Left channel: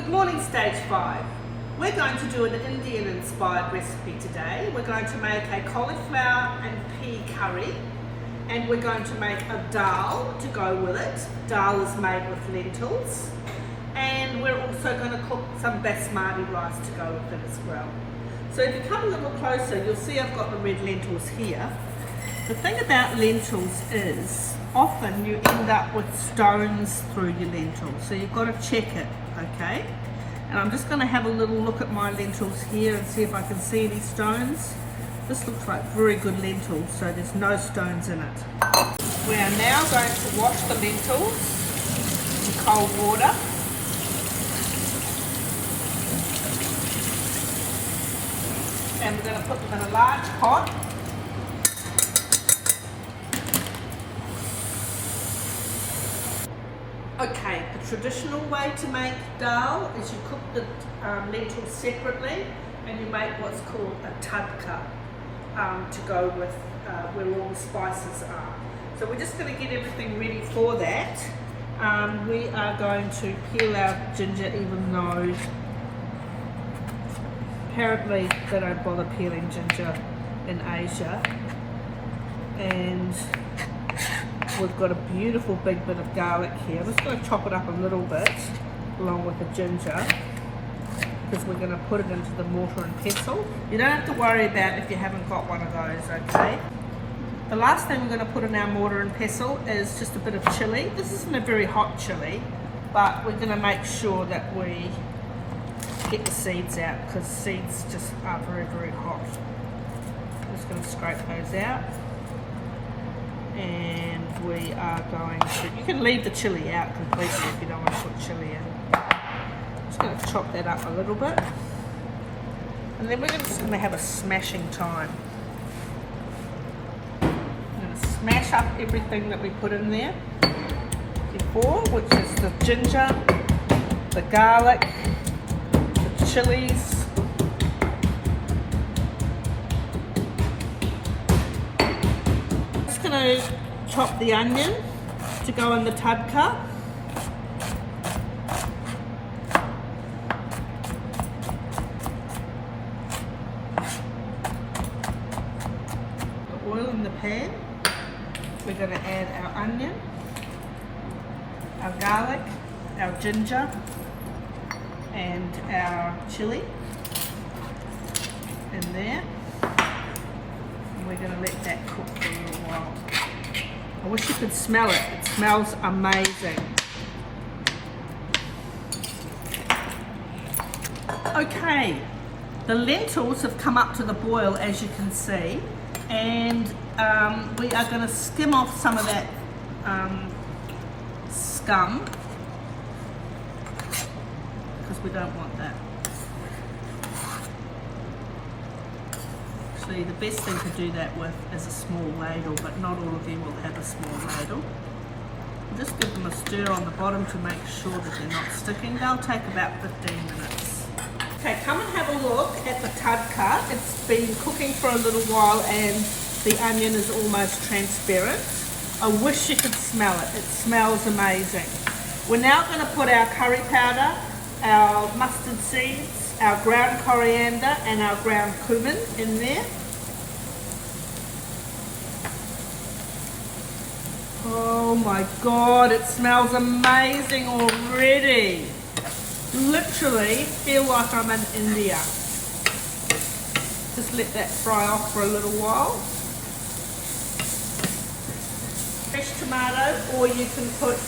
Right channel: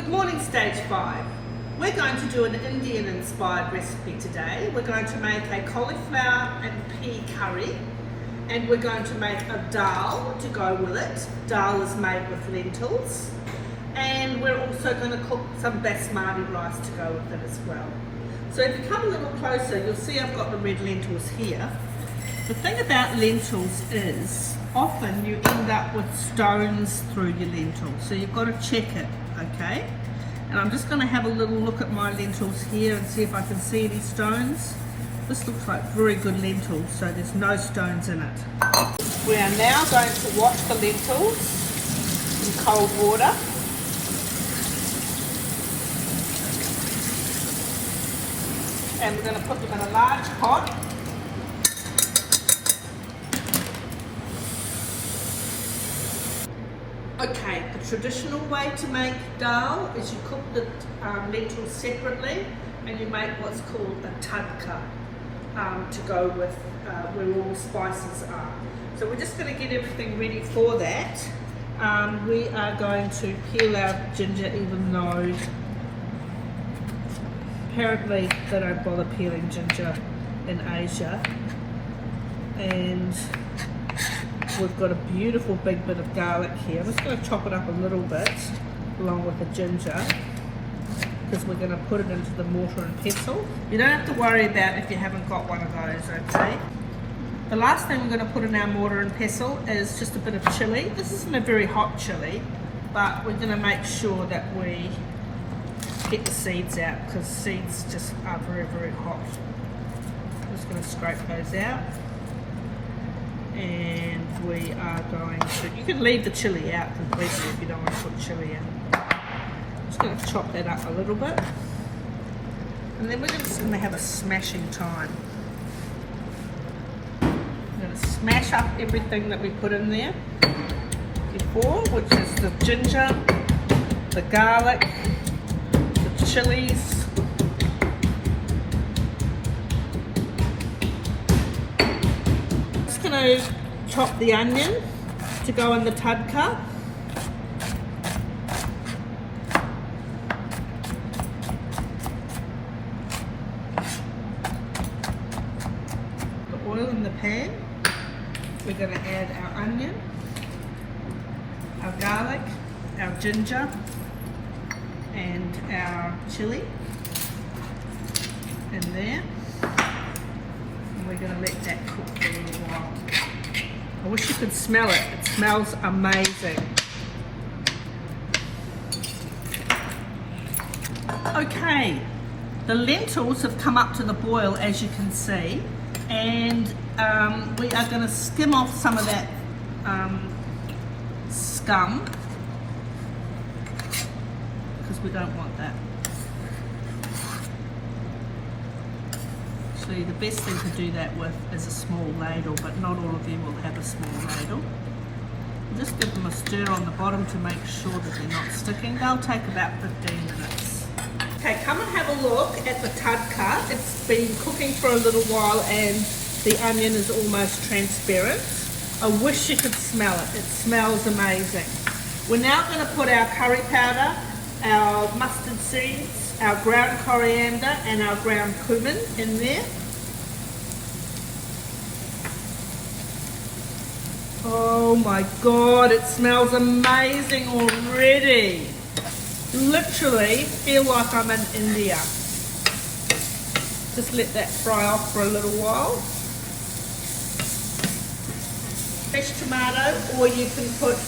Good morning, Stage 5. We're going to do an Indian-inspired recipe today. We're going to make a cauliflower and pea curry, and we're going to make a dal to go with it. Dal is made with lentils, and we're also going to cook some basmati rice to go with it as well. So if you come a little closer, you'll see I've got the red lentils here. The thing about lentils is often you end up with stones through your lentils, so you've got to check it, okay? And I'm just going to have a little look at my lentils here and see if I can see any stones. This looks like very good lentils, so there's no stones in it. We are now going to wash the lentils in cold water. And we're going to put them in a large pot. Okay, the traditional way to make dal is you cook the lentils separately and you make what's called a tadka to go with where all the spices are. So we're just going to get everything ready for that. We are going to peel our ginger, even though apparently they don't bother peeling ginger in Asia. And we've got a beautiful big bit of garlic here. I'm just going to chop it up a little bit along with the ginger because we're going to put it into the mortar and pestle. You don't have to worry about if you haven't got one of those, okay? The last thing we're going to put in our mortar and pestle is just a bit of chilli. This isn't a very hot chilli, but we're going to make sure that we get the seeds out because seeds just are very, very hot. I'm just going to scrape those out. And we are going to, you can leave the chilli out completely if you don't want to put chilli in. Just going to chop that up a little bit. And then we're just going to have a smashing time. I'm going to smash up everything that we put in there before, which is the ginger, the garlic, the chilies, going to chop the onion to go in the tadka. The oil in the pan. We're going to add our onion, our garlic, our ginger, and our chili in there. We're going to let that cook for a little while. I wish you could smell it. It smells amazing. Okay, the lentils have come up to the boil, as you can see, and we are going to skim off some of that scum because we don't want that. The best thing to do that with is a small ladle, but not all of you will have a small ladle. Just give them a stir on the bottom to make sure that they're not sticking. They'll take about 15 minutes. Okay, come and have a look at the tadka. It's been cooking for a little while and the onion is almost transparent. I wish you could smell it. It smells amazing. We're now going to put our curry powder, our mustard seeds, our ground coriander and our ground cumin in there. Oh my God, it smells amazing already. Literally feel like I'm in India. Just let that fry off for a little while. Fresh tomato, or you can put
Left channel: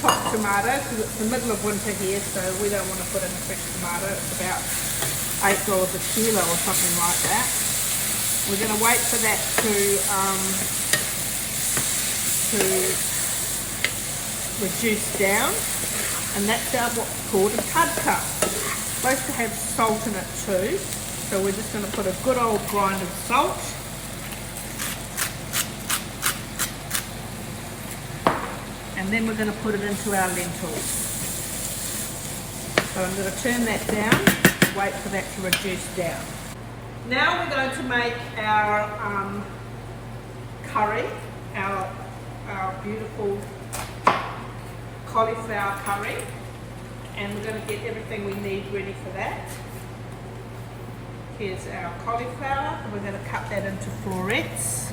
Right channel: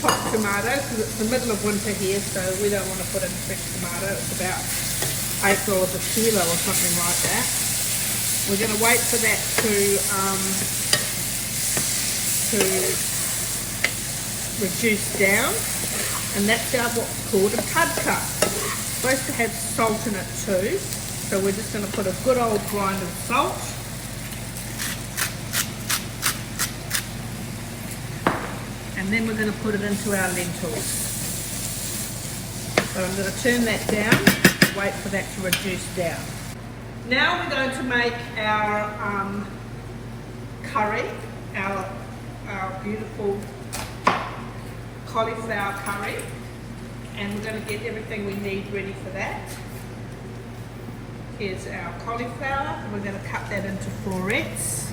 chopped tomato because it's the middle of winter here, so we don't want to put in fresh tomato. It's about $8 a kilo or something like that. We're going to wait for that to reduce down, and that's our what's called a tadka. It's supposed to have salt in it too, so we're just going to put a good old grind of salt. And then we're going to put it into our lentils. But I'm going to turn that down, wait for that to reduce down. Now we're going to make our curry, our beautiful cauliflower curry. And we're going to get everything we need ready for that. Here's our cauliflower, and we're going to cut that into florets.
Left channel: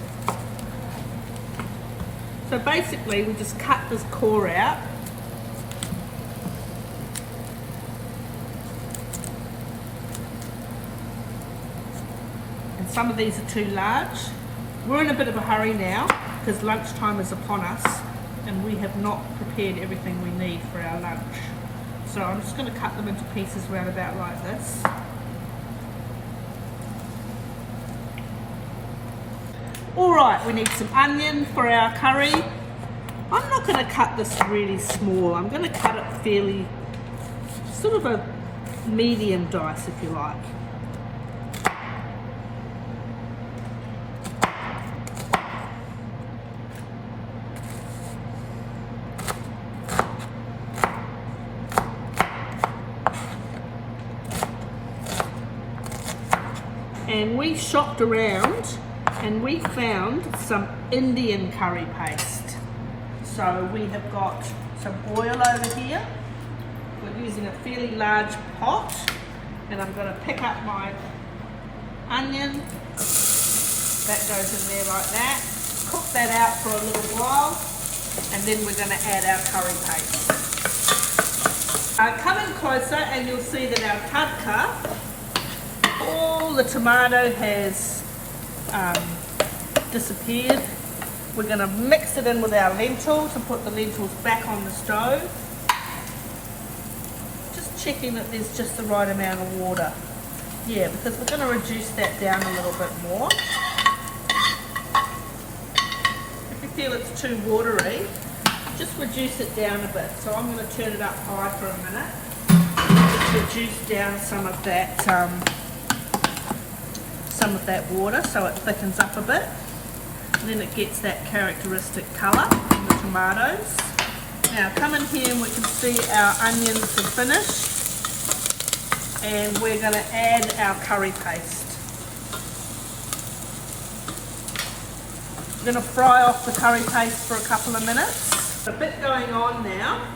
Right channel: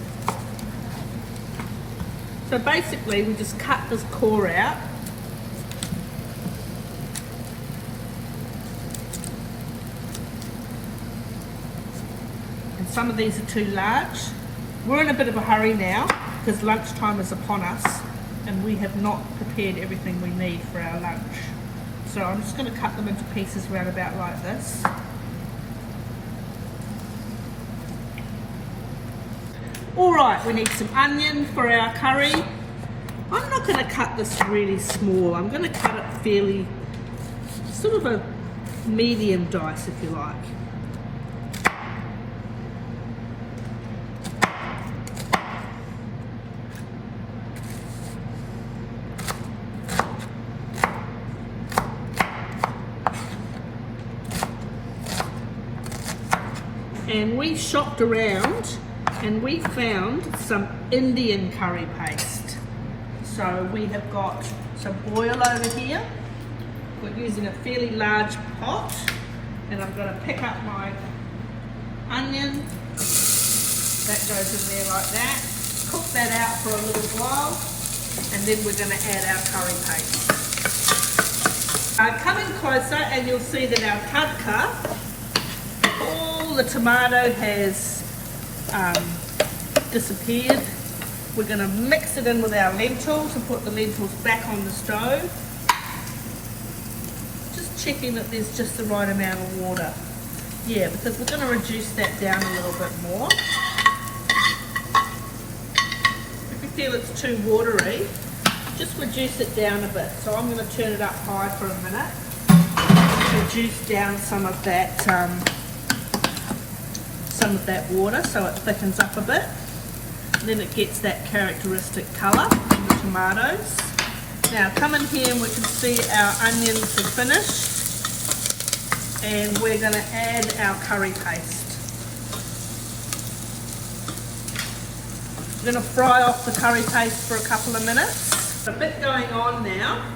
So basically we just cut this core out. And some of these are too large. We're in a bit of a hurry now because lunchtime is upon us and we have not prepared everything we need for our lunch. So I'm just going to cut them into pieces round about like this. Alright, we need some onion for our curry. I'm not going to cut this really small. I'm going to cut it fairly, sort of a medium dice if you like. And we shopped around and we found some Indian curry paste. So we have got some oil over here. We're using a fairly large pot, and I'm going to pick up my onion. That goes in there like that. Cook that out for a little while, and then we're going to add our curry paste. Come in closer and you'll see that our tadka, all the tomato has disappeared. We're going to mix it in with our lentils and put the lentils back on the stove. Just checking that there's just the right amount of water. Yeah, because we're going to reduce that down a little bit more. If you feel it's too watery, just reduce it down a bit. So I'm going to turn it up high for a minute. Reduce down some of that water so it thickens up a bit. And then it gets that characteristic colour in the tomatoes. Now come in here and we can see our onions are finished. And we're going to add our curry paste. We're going to fry off the curry paste for a couple of minutes. A bit going on now.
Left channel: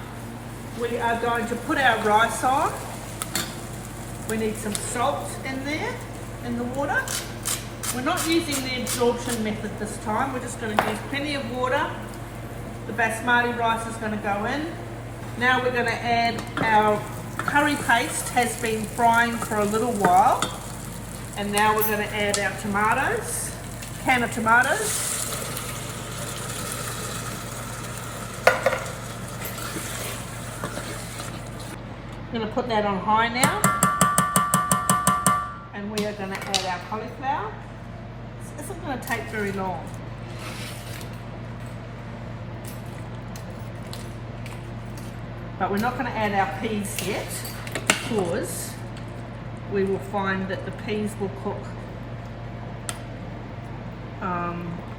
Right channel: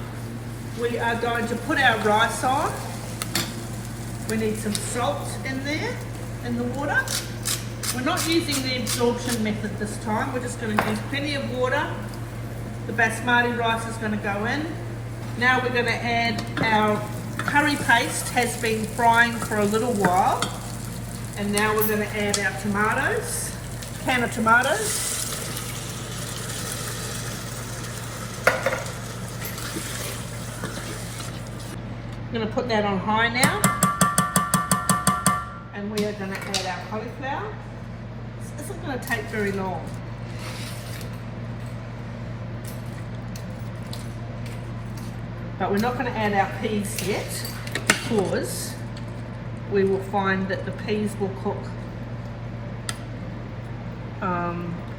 We are going to put our rice on. We need some salt in there, in the water. We're not using the absorption method this time. We're just going to use plenty of water. The basmati rice is going to go in. Now we're going to add our curry paste. Has been frying for a little while. And now we're going to add our tomatoes, can of tomatoes. I'm going to put that on high now. And we are going to add our cauliflower. This isn't going to take very long. But we're not going to add our peas yet because we will find that the peas will cook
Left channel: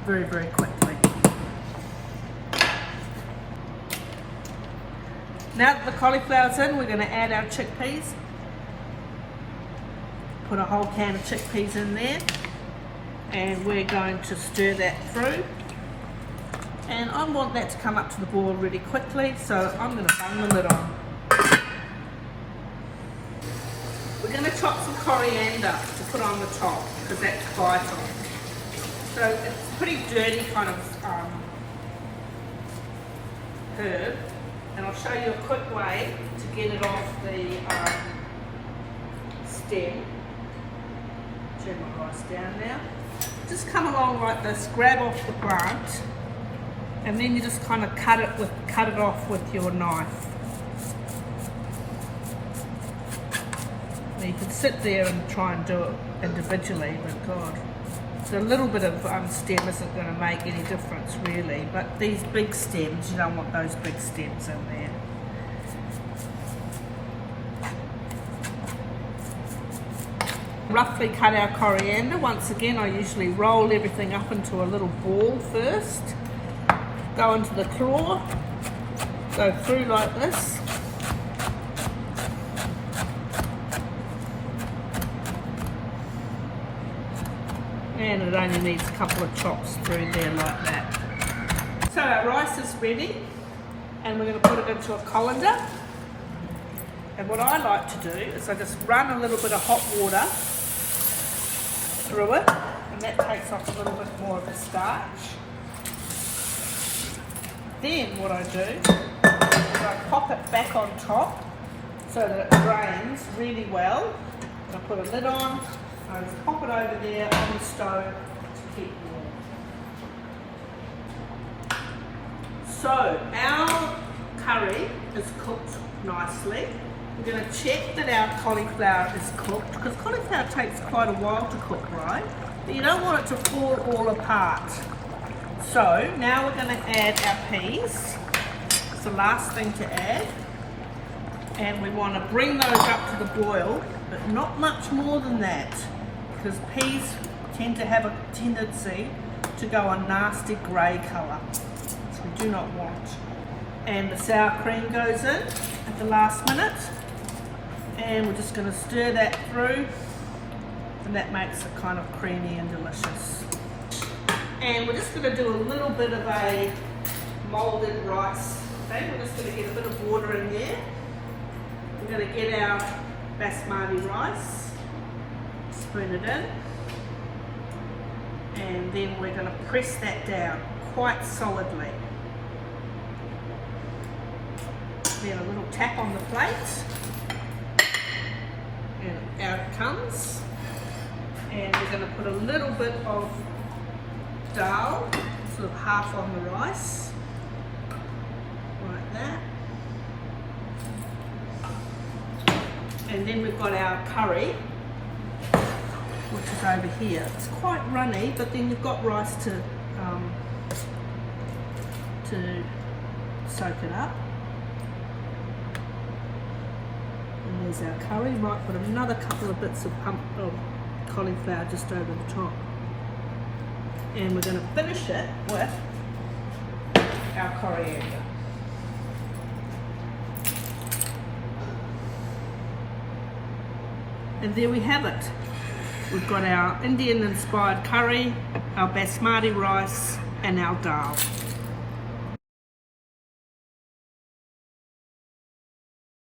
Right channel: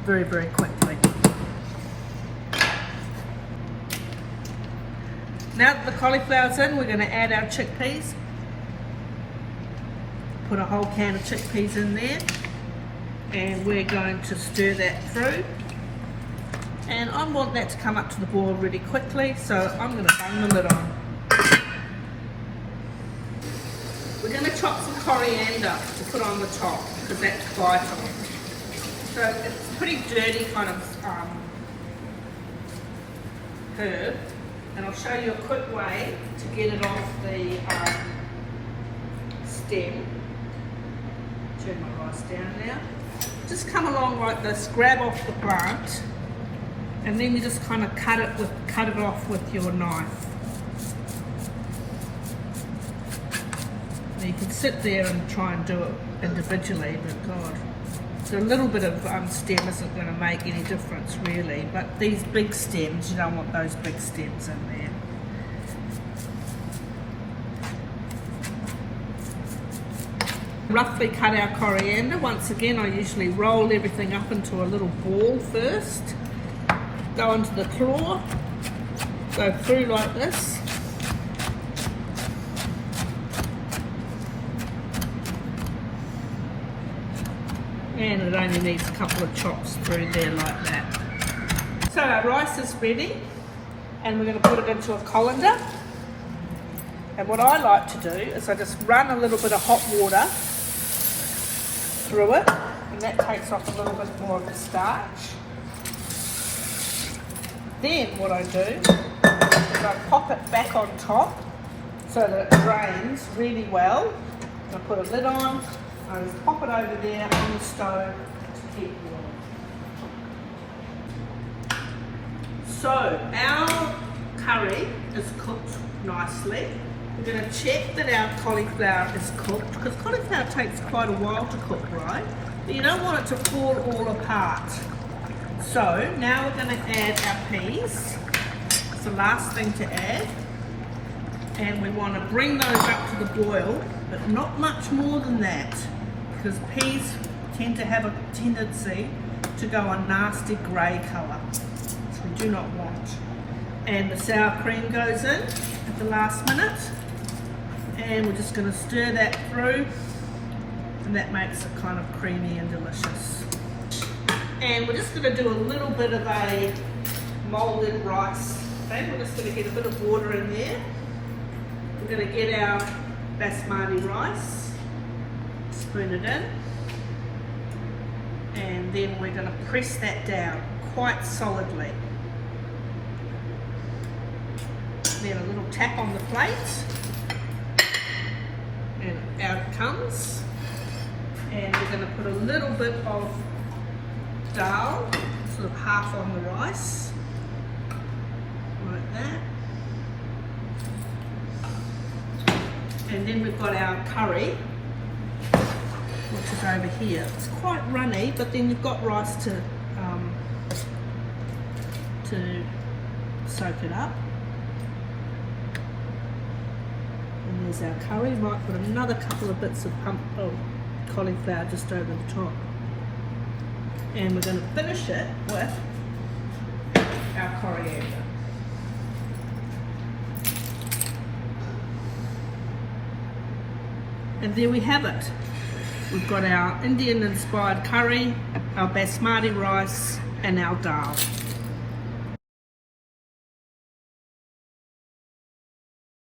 very, very quickly. Now that the cauliflower's in, we're going to add our chickpeas. Put a whole can of chickpeas in there. And we're going to stir that through. And I want that to come up to the boil really quickly, so I'm going to bung the lid on. We're going to chop some coriander to put on the top, because that's vital. So it's a pretty dirty kind of herb. And I'll show you a quick way to get it off the stem. Turn my rice down now. Just come along like this, grab off the plant, and then you just kind of cut it off with your knife. And you can sit there and try and do it individually, but God, so a little bit of stem isn't going to make any difference really, but these big stems, you don't want those big stems in there. Roughly cut our coriander. Once again, I usually roll everything up into a little ball first, go into the claw, go through like this. And it only needs a couple of chops through there like that. So our rice is ready, and we're going to put it into a colander. And what I like to do is I just run a little bit of hot water through it, and that takes off a little bit more of the starch. Then what I do is I pop it back on top so that it drains really well. I put a lid on, I pop it over there on the stove to keep warm. So our curry is cooked nicely. We're going to check that our cauliflower is cooked, because cauliflower takes quite a while to cook, right? But you don't want it to fall all apart. So now we're going to add our peas. It's the last thing to add. And we want to bring those up to the boil, but not much more than that, because peas tend to have a tendency to go a nasty grey colour, which we do not want. And the sour cream goes in at the last minute, and we're just going to stir that through, and that makes it kind of creamy and delicious. And we're just going to do a little bit of a moulded rice. Okay, we're just going to get a bit of water in there. We're going to get our basmati rice, spoon it in, and then we're going to press that down quite solidly. Then a little tap on the plate, and out it comes. And we're going to put a little bit of Dahl, sort of half on the rice, like that. And then we've got our curry, which is over here. It's quite runny, but then you've got rice to soak it up. And there's our curry. Might put another couple of bits of cauliflower just over the top. And we're going to finish it with our coriander. And there we have it. We've got our Indian inspired curry, our basmati rice, and our dal.